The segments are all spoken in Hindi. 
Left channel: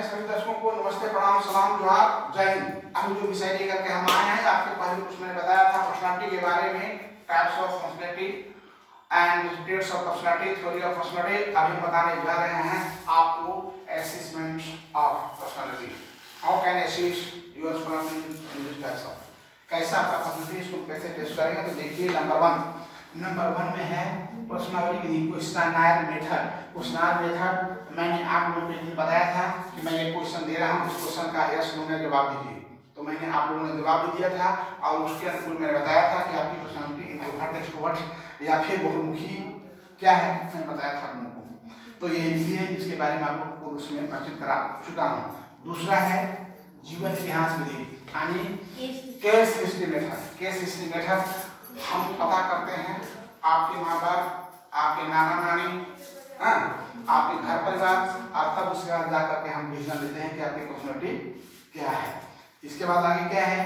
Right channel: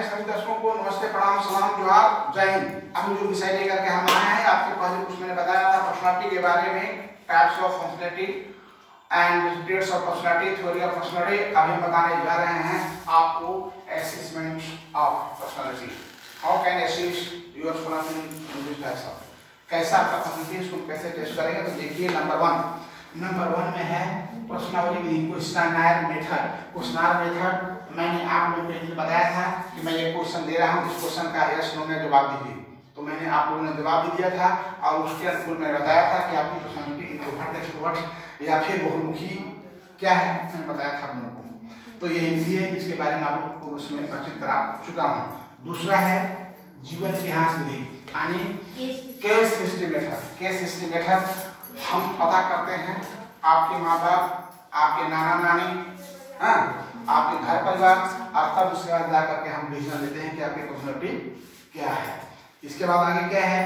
सभी दर्शकों को नमस्ते, प्रणाम, सलाम, जोहार, जय हिंद। अभी जो विषय लेकर के हम आए हैं, आपके पहले कुछ मैंने बताया था पर्सनालिटी के बारे में, types of personality and traits of personality, theory of personality. अभी हम बताने जा रहे हैं आपको assessment of personality. How can assess your personality in this types of, कैसा आपका पर्सनालिटी, इसको कैसे टेस्ट करेंगे। तो देखिए नंबर वन में है personality questioner method. Questioner method मैंने आप लोगों को बताया था कि मैं एक क्वेश्चन दे रहा हूं, इस क्वेश्चन का यस नो में जवाब दीजिए। तो मैंने आप लोगों ने जवाब भी दिया था और उसके अनुकूल मैंने बताया था कि आपकी पर्सनालिटी इंट्रोवर्ट, एक्सट्रोवर्ट या फिर बहुमुखी क्या है, मैंने बताया था आप लोगों को। तो ये इसी है, इसके बारे में आप लोगों को उसमें परिचित करा चुका हूँ। दूसरा है जीवन इतिहास विधि, यानी case history method. Case history method हम पता करते हैं आपके माँ बाप, आपके नाना नानी, आपके घर परिवार, और तब उसके बाद जाकर के हम डिसीजन लेते हैं कि आपकी पर्सनालिटी क्या है। इसके बाद आगे क्या है,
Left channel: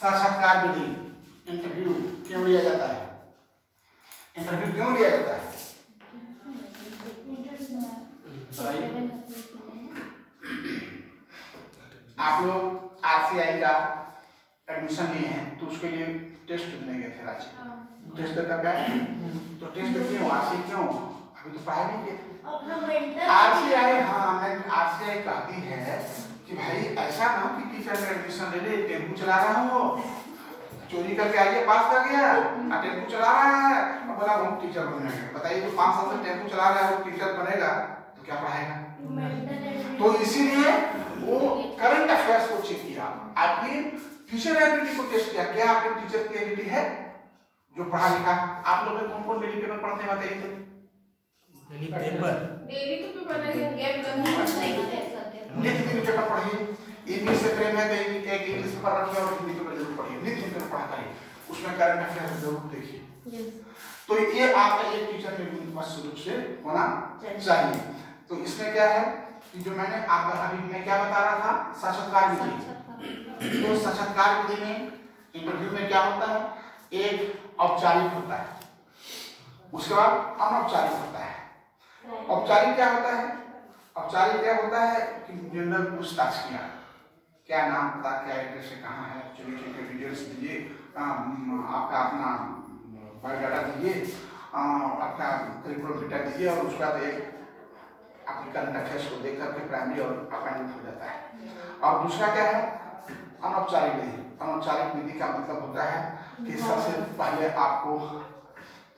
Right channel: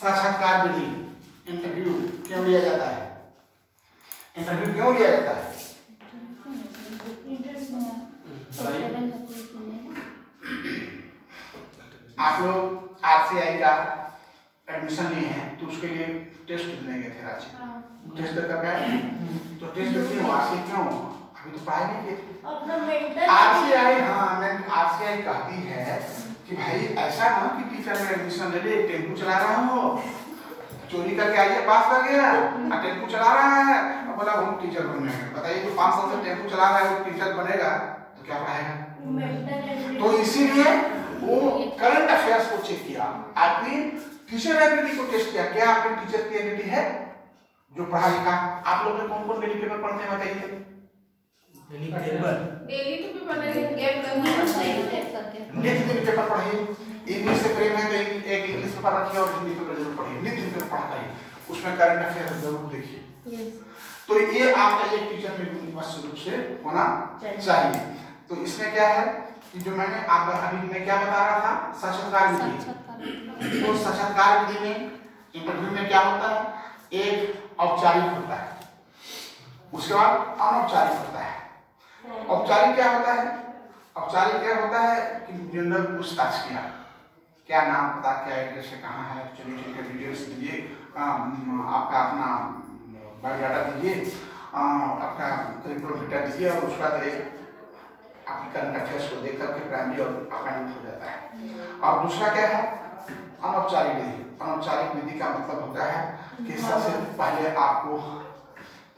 साक्षात्कार विधि, इंटरव्यू क्यों लिया जाता है, इंटरव्यू क्यों लिया जाता है। आप लोग आरसीआई का एडमिशन लिए हैं तो उसके लिए टेस्ट देने गए थे रांची, टेस्ट करके तो टेस्ट क्यों, आरसीआई क्यों, अभी तो पढ़ाई नहीं की। आरसीआई, हाँ, आरसीआई कहती है कि भाई ऐसा ना कि टीचर में एडमिशन ले ले, टेम्पू चला रहा हो, चोरी करके आइए पास कर गया, टेम्पू चला रहा है, अब बोला हम टीचर बनेंगे। बताइए तो 5 साल से टेम्पू चला रहा है, वो टीचर बनेगा तो क्या पढ़ाएगा। तो इसीलिए वो करंट अफेयर्स को चेक किया, आपकी टीचर एबिलिटी को टेस्ट किया, क्या आपके टीचर की एबिलिटी है जो पढ़ा लिखा। आप लोग कौन कौन डेली पेपर पढ़ते हैं बताइए। डेली तो पेपर पेपर पढ़िए, इंग्लिश से प्रेम है तो एक इंग्लिश पेपर रखिए और हिंदी पेपर जरूर पढ़िए, नित्य पेपर पढ़ता है, उसमें करंट अफेयर्स जरूर देखिए। तो ये आपका एक टीचर में निश्चित रूप से होना चाहिए। तो इसमें क्या है कि जो मैंने आपका अभी मैं क्या बता रहा था, साक्षात्कार विधि। तो साक्षात्कार विधि में इंटरव्यू में क्या होता है, एक औपचारिक होता है, उसके बाद अनौपचारिक होता है। औपचारिक क्या होता है, औपचारिक क्या होता है कि जनरल पूछताछ किया, क्या नाम पता, क्या एड्रेस है, कहाँ है, चलिए डिटेल्स दीजिए, आपका अपना बायोडाटा दीजिए, आपका करिकुलम डेटा दीजिए, और उसके बाद एक आपकी करंट अफेयर्स को देख करके प्राइमरी और अपॉइंटमेंट हो जाता है। और दूसरा क्या है, अनौपचारिक विधि। अनौपचारिक विधि का मतलब होता है कि सबसे पहले आपको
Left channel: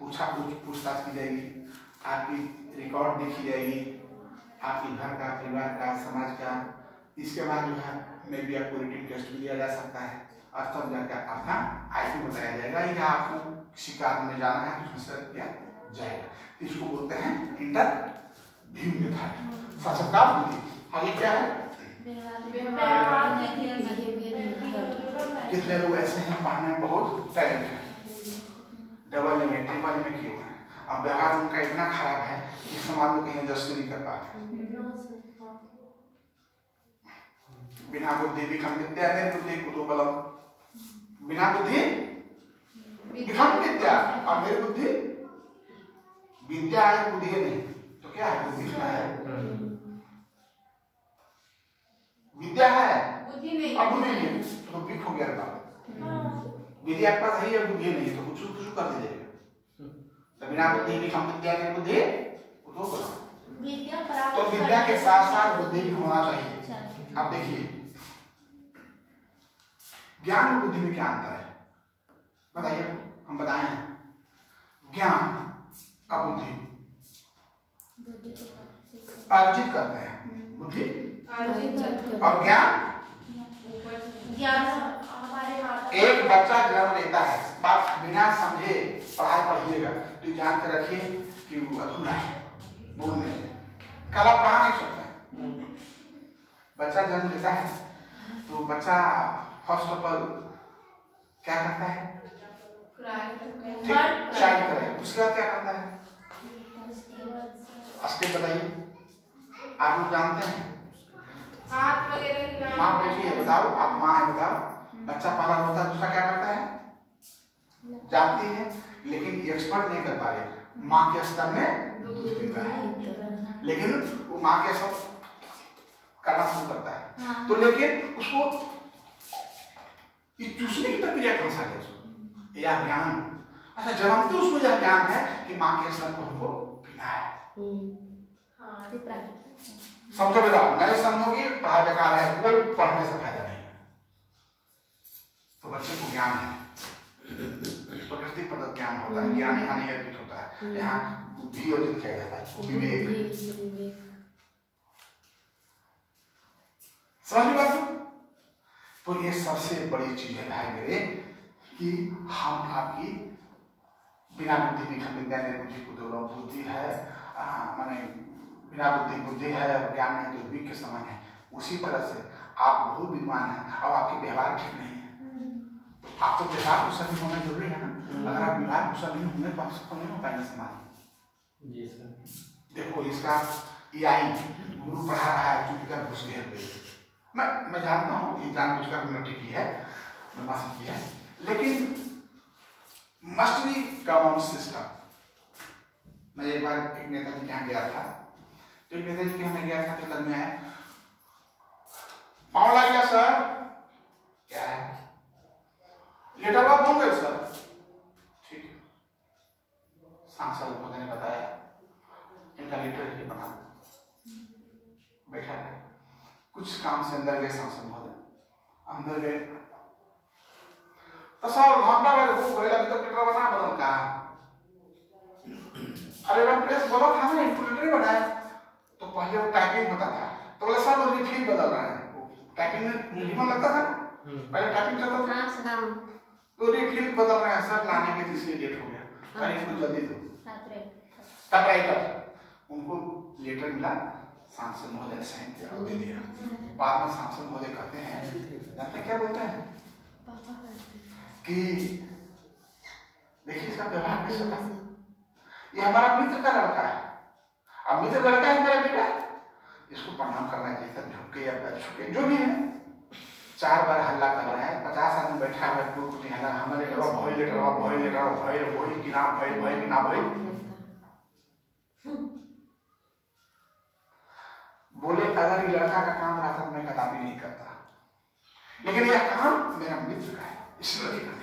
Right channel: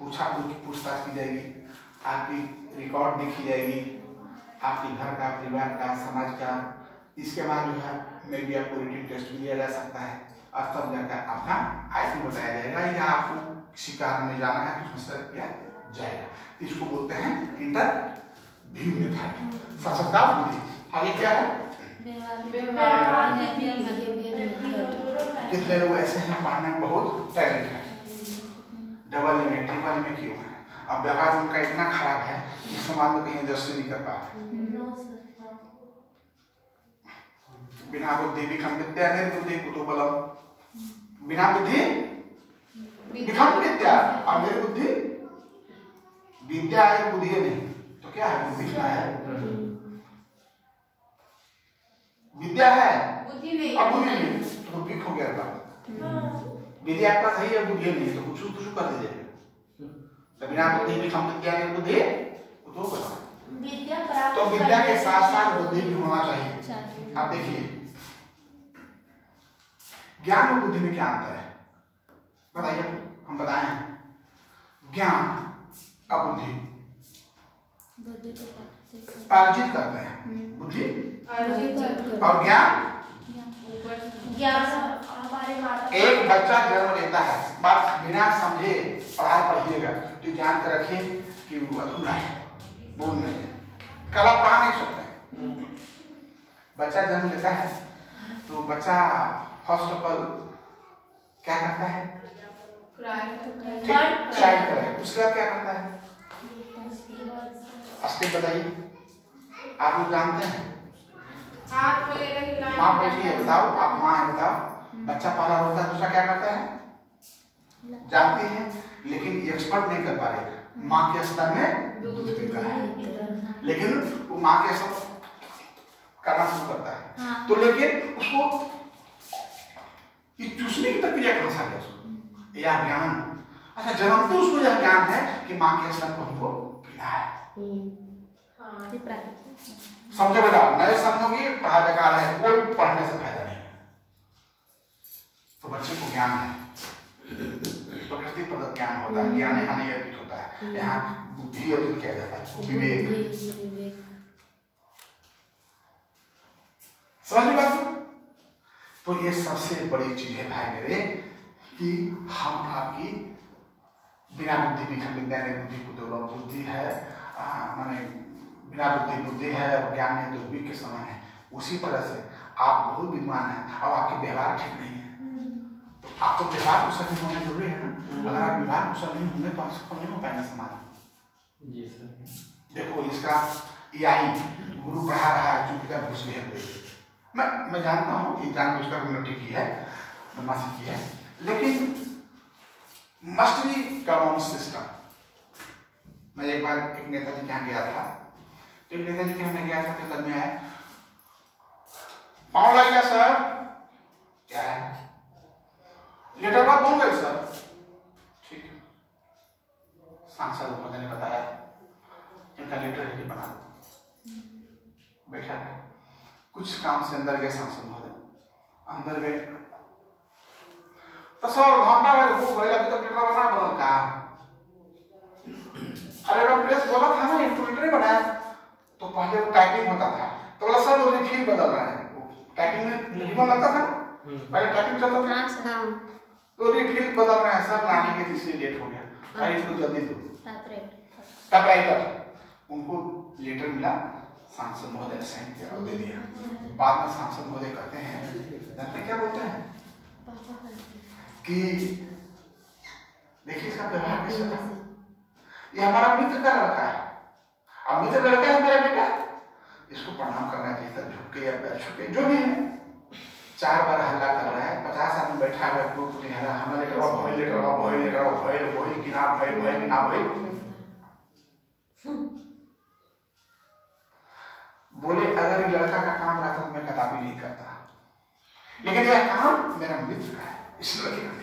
पूछताछ की जाएगी, आपकी रिकॉर्ड देखी जाएगी, आपके घर का, परिवार का, समाज का। इसके बाद जो है मे बी आपको रिटन टेस्ट भी दिया जा सकता है और तब जाकर आपका आईक्यू बताया जाएगा या आपको किसी कारण में जाना है तो उसमें किया जाएगा। इसको बोलते हैं इंटरव्यू मेथड, साक्षात्कार विधि। आगे क्या है, कितने लोग ऐसे हैं पढ़ने में बहुत टैलेंट है, डबल में ट्रिपल में क्यों है, अब व्यवहार उनका इतना खराब है कि समाज में कहीं एडजस्ट नहीं कर पाते। बिना बुद्धि विखम विद्या, निर्बुद्धि कुतूहलम। बिना बुद्धि विखम विद्या और निर्बुद्धि विद्या है, बुद्धि नहीं तो क्या है, बुद्धि क्या है, विद्या है और बुद्धि नहीं तो विख हो गया। विद्या आपका सही है, बुद्धि नहीं तो कुछ कर दीजिएगा। तो बिना बुद्धि विखम विद्या, निर्बुद्धि कुतूहलम। तो विद्या के साथ साथ बुद्धि भी होना चाहिए। आप देखिए ज्ञान और बुद्धि में क्या अंतर है बताइए, हम बताए हैं ज्ञान और बुद्धि अर्जित करते हैं, बुद्धि और ज्ञान। एक बच्चा जन्म लेता है, बात बिना समझे पढ़ाई पढ़िएगा तो जान कर रखिए कि वो अधूरा है, बोल नहीं है, कल आप पढ़ा नहीं सकते। बच्चा जन्म लेता है तो बच्चा फर्स्ट ऑफ ऑल क्या करता है, चाइल्ड करे, उसके बाद क्या करता है, स्टेप बताइए। आप लोग जानते हैं, माँ बैठी है, बताओ आप माँ है, बताओ बच्चा पाला होता है, दूसरा क्या करता है, जानती है लेकिन एक्सपर्ट नहीं कर पा रहे। माँ के स्तर में दूध पीता है, लेकिन वो माँ के स्तर करना शुरू करता है। तो लेकिन उसको चूसने की प्रक्रिया कौन सा है उसको, यह ज्ञान। अच्छा, जन्मते उसको यह ज्ञान है कि माँ के स्तन को हमको पीना है। समझो बेटा, नए समझोगे पढ़ाई बेकार है, कोई पढ़ने से फायदा नहीं। तो बच्चे को ज्ञान है, प्रकृति प्रदत्त ज्ञान होता है, ज्ञान हानि अर्पित होता है। यहाँ बुद्धि अर्जित किया जाता है, विवेक। समझ बात? तो ये सबसे बड़ी चीज है भाई मेरे, कि हम आपकी बिना बुद्धि भी विद्या ने बुद्धि को दुर्लभ, बुद्धि है माने बिना बुद्धि बुद्धि है और ज्ञान है तो वीक के समान है। उसी तरह से आप बहुत विद्वान हैं और आपके व्यवहार ठीक नहीं है, तो आप तो व्यवहार कुशल नहीं होना जरूरी है ना। अगर आप व्यवहार कुशल नहीं होंगे तो आप सफल नहीं हो पाएंगे समाज। जी सर। देखो इसका यही गुरु पढ़ा रहा है, चुपचाप घुस गए। मैं जानता हूँ ये जानबूझकर उन्नति की है, बदमाशी की है, लेकिन मस्ट बी कॉमन सिस्टम। मैं एक बार एक नेताजी के यहाँ गया था, तो एक नेताजी के यहाँ गया था तो तब में आया, पाँव लग गया सर, क्या है लेटर बात बन गए सर, ठीक है। सांसद महोदय ने बताया इनका लेटर ही बना दो। बैठा है, कुछ काम से अंदर गए सांसद महोदय, अंदर गए तो सर घंटा भर भूख गई, अभी तक लेटर बना बदल का। अरे मैं प्रेस बोला था ना लेटर बनाया, तो पहले वो टाइपिंग होता था, तो बोला सर वो रिफिल बदल रहा है। टाइपिंग में रिबन लगता था, पहले टाइपिंग चलता था, तो रिफिल बदल रहे हैं सर, लाने के इसलिए लेट हो गया, अरे इसको जल्दी दो। टाइपराइटर उनको लेटर मिला, सांसद महोदय ने साइन किया और दे दिया। बाद में सांसद महोदय कहते हैं, जानते क्या बोलते हैं कि देखिए इसका व्यवहार कैसा है, ये हमारा मित्र का लड़का है, अब मित्र लड़का है मेरा बेटा, इसको प्रणाम करना चाहिए था, झुक के या पैर छू के जो भी है। 4 बार हल्ला कर रहा है, 50 आदमी बैठा है, कुछ नहीं हल्ला, हमने लेटर भय लेटर भय लेटर भय वही कि ना भय भय कि ना भय। बोले अगर ये लड़का का काम रहता तो मैं कदापि नहीं करता, लेकिन यह काम मेरा मित्र का है, इस लड़के का नहीं।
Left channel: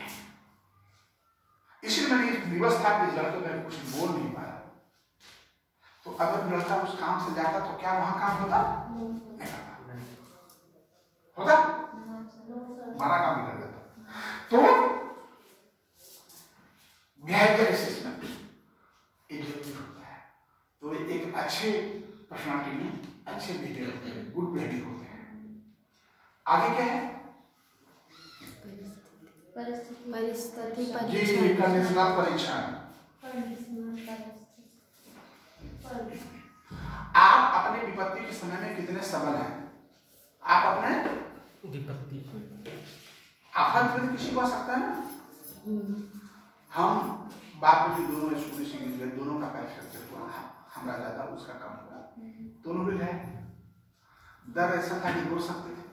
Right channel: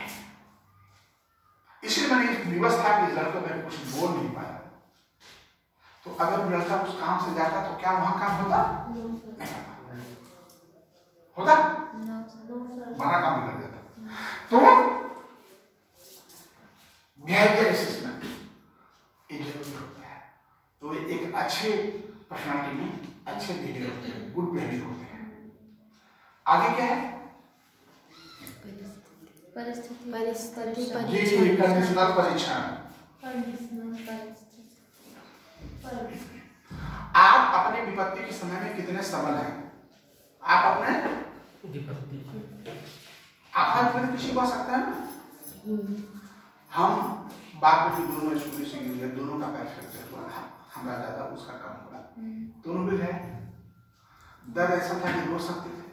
इसलिए मैंने एक व्यवस्था की, इस लड़के में कुछ बोल नहीं पाया। तो अगर लड़का उस काम से जाता तो क्या वहां काम होता? नहीं होता, हमारा काम भी कर देता। तो बिहेवियर असेसमेंट एक जरूरी होता है। तो एक अच्छे पर्सनालिटी में अच्छे बिहेवियर होते हैं, गुड बिहेवियर होते हैं। आगे क्या है? परिस्थिति कंडीशनल परीक्षण। आप अपने विपत्ति के समय में कितने सबल हैं? आप अपने विपत्ति आप किसी को आ सकता है ना। हम बाप बेटी दोनों स्कूल से गिर गए, दोनों का पैर फ्रैक्चर हुआ, हमारा ज्यादा उसका कम हुआ, दोनों भी है। दर्द ऐसा था कि रो सकते थे,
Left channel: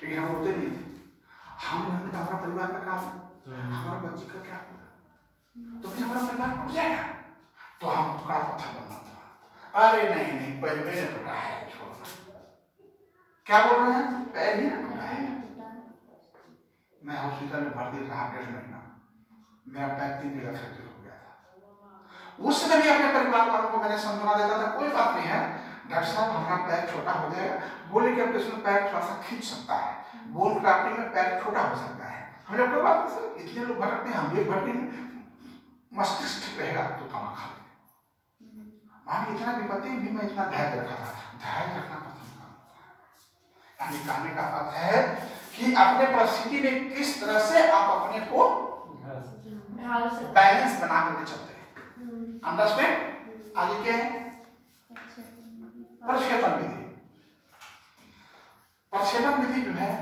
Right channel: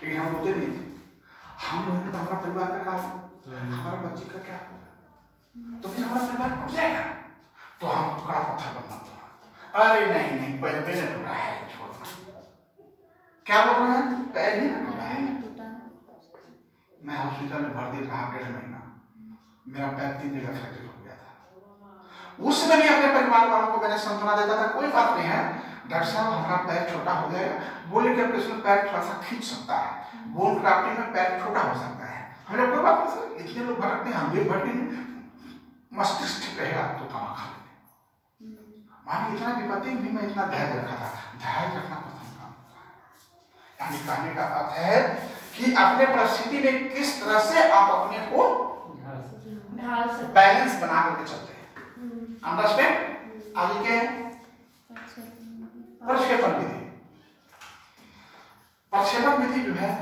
लेकिन हम रोते नहीं थे। हम लोग तो हमारा परिवार का काम, हमारा बच्ची का क्या होगा, तो फिर हमारा परिवार टूट जाएगा, तो हम टुकड़ा पत्थर बनना था। अरे नहीं नहीं, पैर मैंने टूटा है, छोड़ना। क्या बोल रहे हैं? पैर नहीं टूटा है। मैं हॉस्पिटल में भर्ती रहा 1.5 महीना, मेरा पैर 3 जगह फ्रैक्चर हो गया था। उस समय भी अपने परिवार वालों को मैंने सांत्वना देता था, कोई बात नहीं है डॉक्टर साहब, हमारा पैर छोटा हो जाएगा, बोले कि अब इसमें पैर थोड़ा सा खींच सकता है, बोन क्राफ्टिंग में पैर छोटा हो सकता है। हमने कोई बात नहीं सर, इतने लोग भटकते हैं, हम भी भटकेंगे, मस्तिष्क ठीक रहेगा तो तमा खा लेंगे। मान इतना विपत्ति भी मैं इतना धैर्य रखा था। धैर्य रखना प्रथम काम होता है। कहने का अर्थ है कि अपने परिस्थिति में किस तरह से आप अपने को बैलेंस बना करके चलते हैं। अंडरस्टैंड? आगे क्या है? प्रक्षेपण विधि। प्रक्षेपण विधि जो है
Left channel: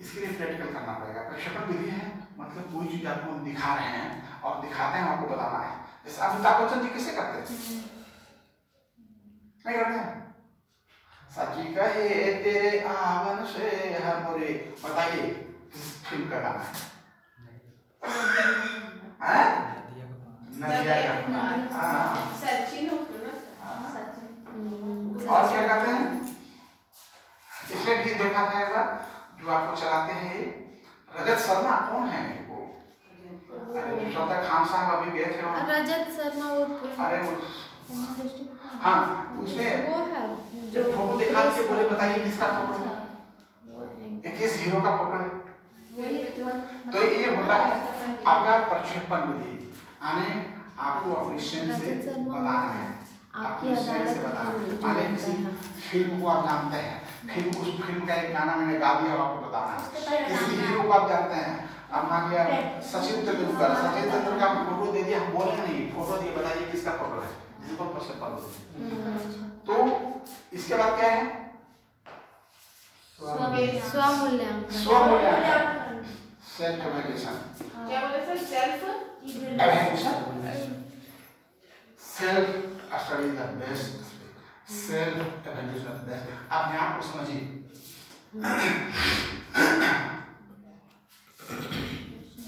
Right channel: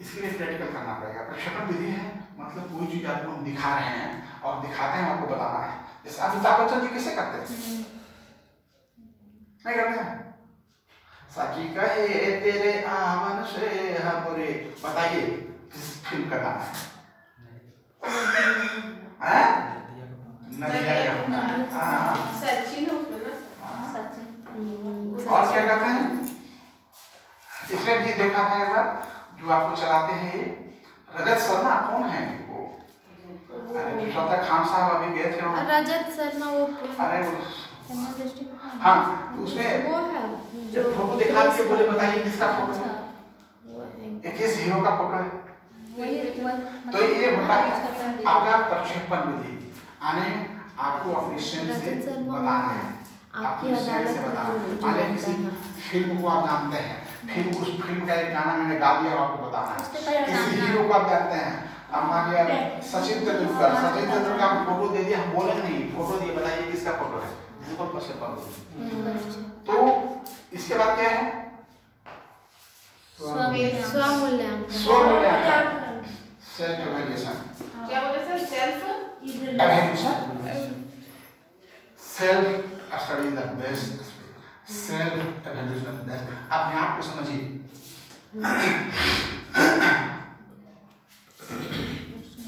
इसके लिए प्रैक्टिकल करना पड़ेगा। प्रक्षेपण विधि है मतलब कोई चीज आपको हम दिखा रहे हैं और दिखाते हैं आपको बताना है। जैसे अमिताभ बच्चन जी कैसे करते हैं? नहीं करते हैं? सची कहे तेरे आवन से हमरे, बताइए किस फिल्म का गाना है? नदिया यमुना। और क्या कहते हैं? पिछले भी देखा था एक बार, जो आपको चलाते हैं ये रजत शर्मा कौन है वो? खान साहब अभी गए थे वहाँ। रजत शर्मा वो, अरे वो हाँ, उसमें वो है जो फोटो दिखा के बोले बताइए किसका फोटो है? एक किस हीरो का फोटो है? तो ये होता है आपका प्रक्षेपण विधि, यानी आपको अपनी सेंस से बताना है, आपकी अदालत से बताना है। फिल्म को आप जानते हैं, फिल्म उस फिल्म का एक गाना मैंने गा दिया, आपको बताना है किस हीरो को आप जानते हैं। अब मान लिया सचिन तेंदुलकर, सचिन तेंदुलकर का फोटो दे दिया, हम बोले नहीं फोटो दिए, बताइए किसका फोटो है? तो इसके बाद क्या है? स्वमूल्यांकन। स्वमूल्यांकन, सेल्फ एवैल्यूएशन। क्या बोले sir? Self evaluation, self study the best, self evaluation the best. अपने आप को समझिए,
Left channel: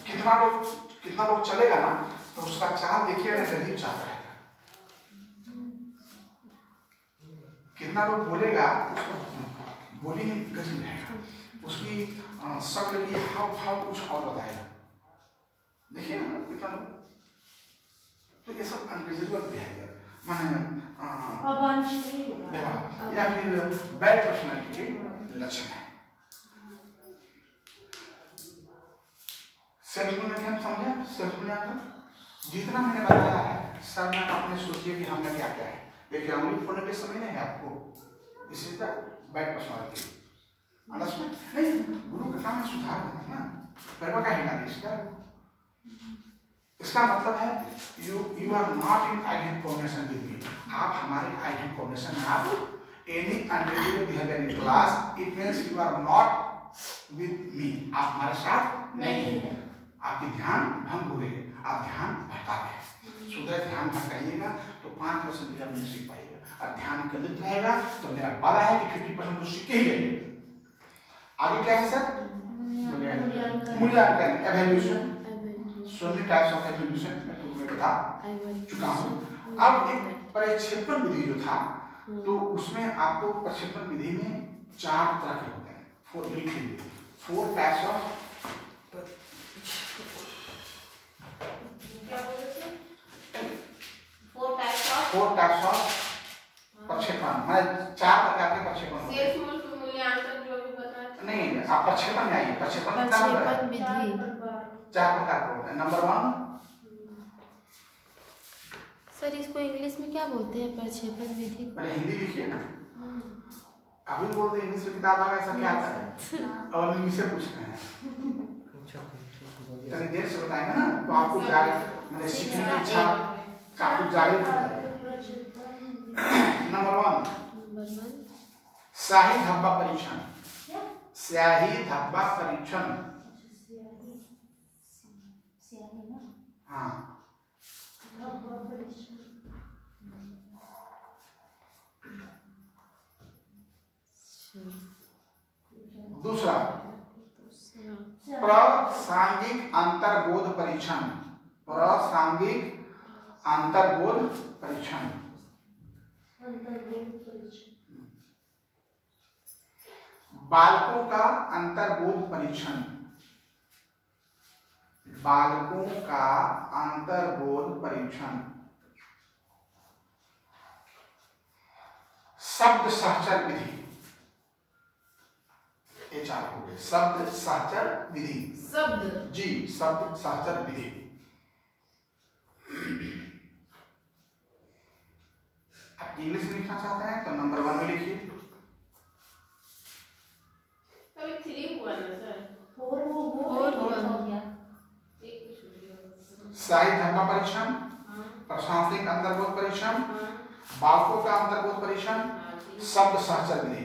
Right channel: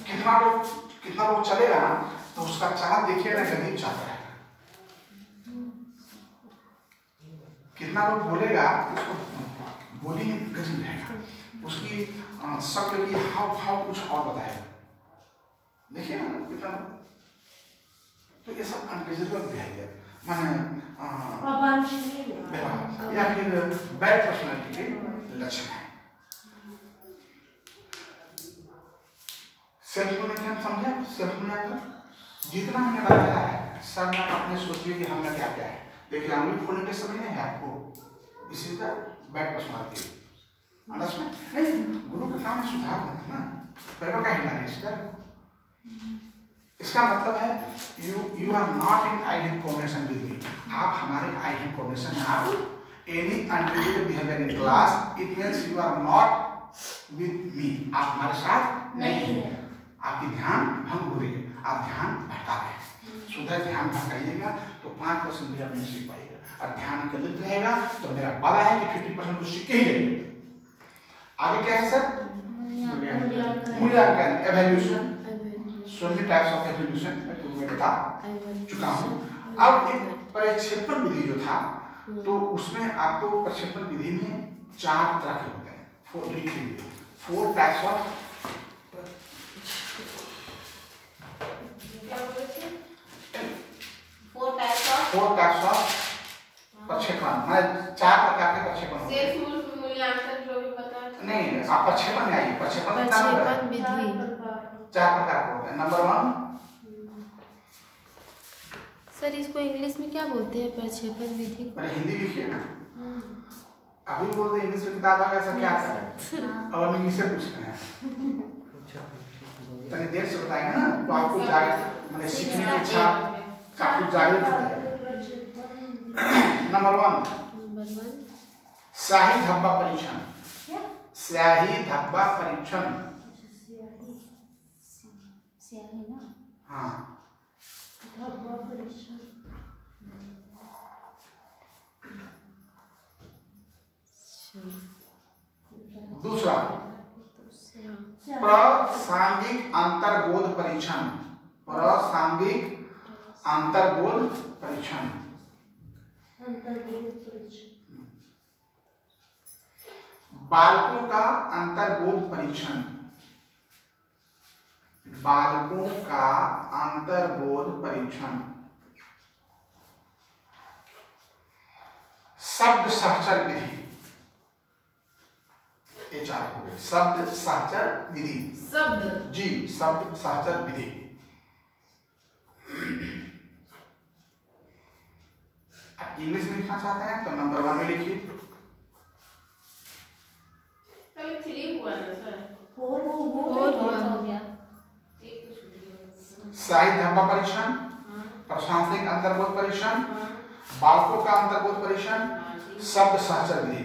कितना लोग चलेगा ना, तो उसका चाल देखिए ना, गरीब चाहता है। कितना लोग बोलेगा, उसको बोली गजब रहेगा, उसकी शक्ल की हाव भाव कुछ और बताएगा। देखिए ना कितना, तो ये सब अनरिजनेबल बिहेवियर माने या फिर बैड पर्सनालिटी के लक्षण है। सेल्फ मूल्यांकन समझे? सेल्फ मूल्यांकन जितना मैंने बताया है सब में अपने सोचिए कि हमने क्या क्या है। देखिए अंगुली फोड़ने के समय नहीं है आपको, this is the bad personality. Understand? नहीं, गुरु का काम है सुधार करना ना, पैरों का हिलाना इसका मतलब है you are not in I have formation with me. आप हमारे आई हैव फॉर्मेशन में आप any unrelated behaviour in class, it means you are not with me. आप हमारे साथ नहीं हैं, आपकी ध्यान भंग हो रही है, आप ध्यान भटका रहे हैं। सुधर ध्यान भटकाइएगा तो 5% भी आप नहीं सीख पाइएगा, और ध्यान केंद्रित रहेगा तो मेरा वादा है कि 50% तो सीख ही लेंगे। आगे क्या है सर? मूल्यांकन, evaluation. So many types of evaluation मैं तुम्हें बता चुका हूँ। अब एक प्रक्षेपण विधि जो था, तो उसमें आपको प्रक्षेपण विधि में 4 तरह के होते हैं। 4 types of प्रक्षेपण, मतलब 4 प्रकार के प्रक्षेपण होते हैं। मूल्यांकन जो भी बताया नहीं, आप प्रक्षेपण में आइए। प्रक्षेपण विधि 4 प्रकार के होते हैं। नंबर 1 सर, इसको इंग्लिश में क्या बोलते हैं? प्रक्षेपण विधि को हिंदी लिखिए ना, अभी बोलते हैं इंग्लिश में किताब आ ऐसा क्या है और इंग्लिश से पूछते हैं, तनी देर से बताएंगे ना तो आपको मतलब सीखने की इच्छा काफी जागृत हो जाएगी। नंबर 1 स्याही धब्बा परीक्षण। स्याही धब्बा परीक्षण, हाँ। दूसरा प्रासंगिक अंतर्बोध परीक्षण। प्रासंगिक अंतर्बोध परीक्षण, बालकों का अंतर्बोध परीक्षण। बालकों का अंतर्बोध परीक्षण। शब्द सहचर विधि, ये 4 हो गए। शब्द सहचर विधि, शब्द सहचर विधि। आप इंग्लिश में लिखना चाहते हैं तो नंबर 1 में लिखिए। 3 हुआ ना सर? 4 हो गया। स्याही धब्बा परीक्षण, प्रासंगिक अंतर्बोध परीक्षण, बालकों का अंतर्बोध परीक्षण, शब्द सहचर विधि।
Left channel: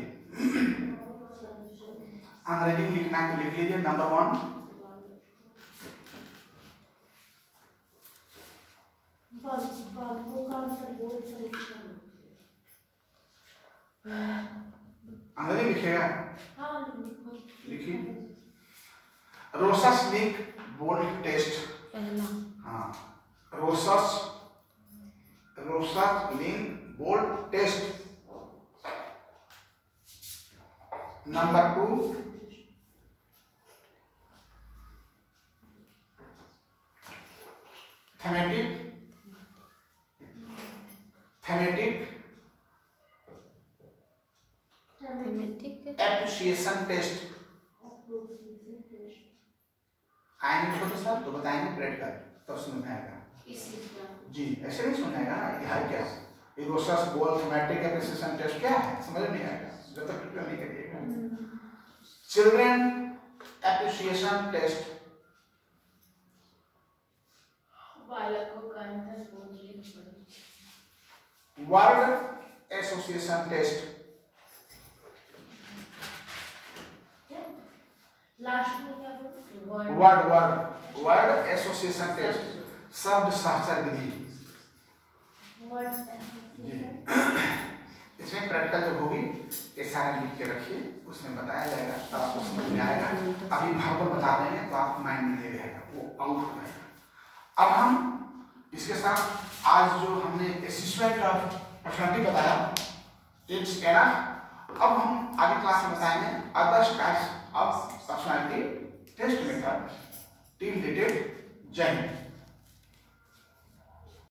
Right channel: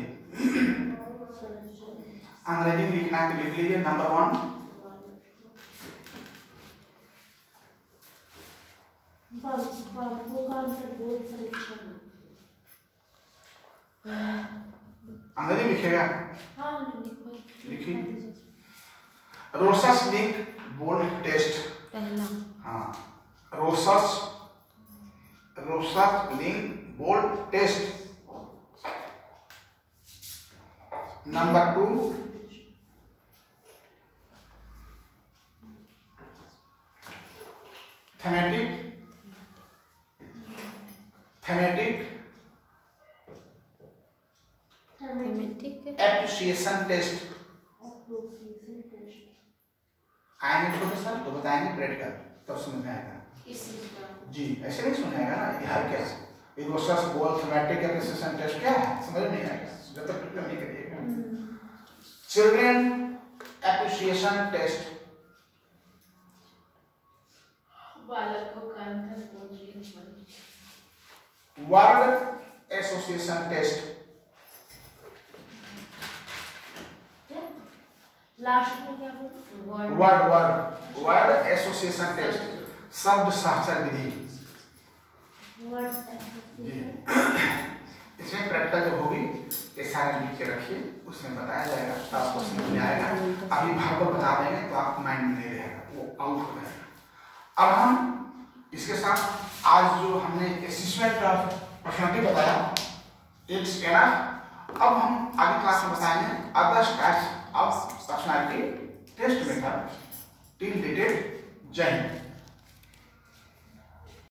अंग्रेजी में लिखना है तो लिख लीजिए। नंबर 1 अंग्रेजी लिखेगा, लिखिए। रोसस लिंक बोल्ड टेस्ट, पहला। हाँ, Rorschach ink blot test. Number 2 thematic appreciation test. आएंगे छोटे सर तो बताएंगे प्रैक्टिकल, तब समझ में आएगा जी। ऐसे नहीं सुनाएगा ना, यह क्या है बोल थेमेटिक एप्रिसिएशन टेस्ट क्या है, समझ नहीं आएगा जब तक प्रैक्टिकल नहीं करिएगा। चिल्ड्रन एप्रिसिएशन टेस्ट, बालकों का वर्ड एसोसिएशन टेस्ट, लास्ट में क्या बोलते वर्ड एसोसिएशन टेस्ट, शब्द सहचर विधि जी। इसमें प्रैक्टिकल जब होगी ये सारे लिख के रखिए, उसमें बताया जाएगा तो आपको समझ में आएगा। अभी भरपूर बता देंगे तो आप माइंड में नहीं रहेगा, वो आउट हो जाएगा। अब हम इसके साथ आज जो हमने असेसमेंट ऑफ पर्सनालिटी बताया इट्स एनफ, अब हम आगे क्लास में बताएंगे other types of personality test method. Till dated जय हिंद।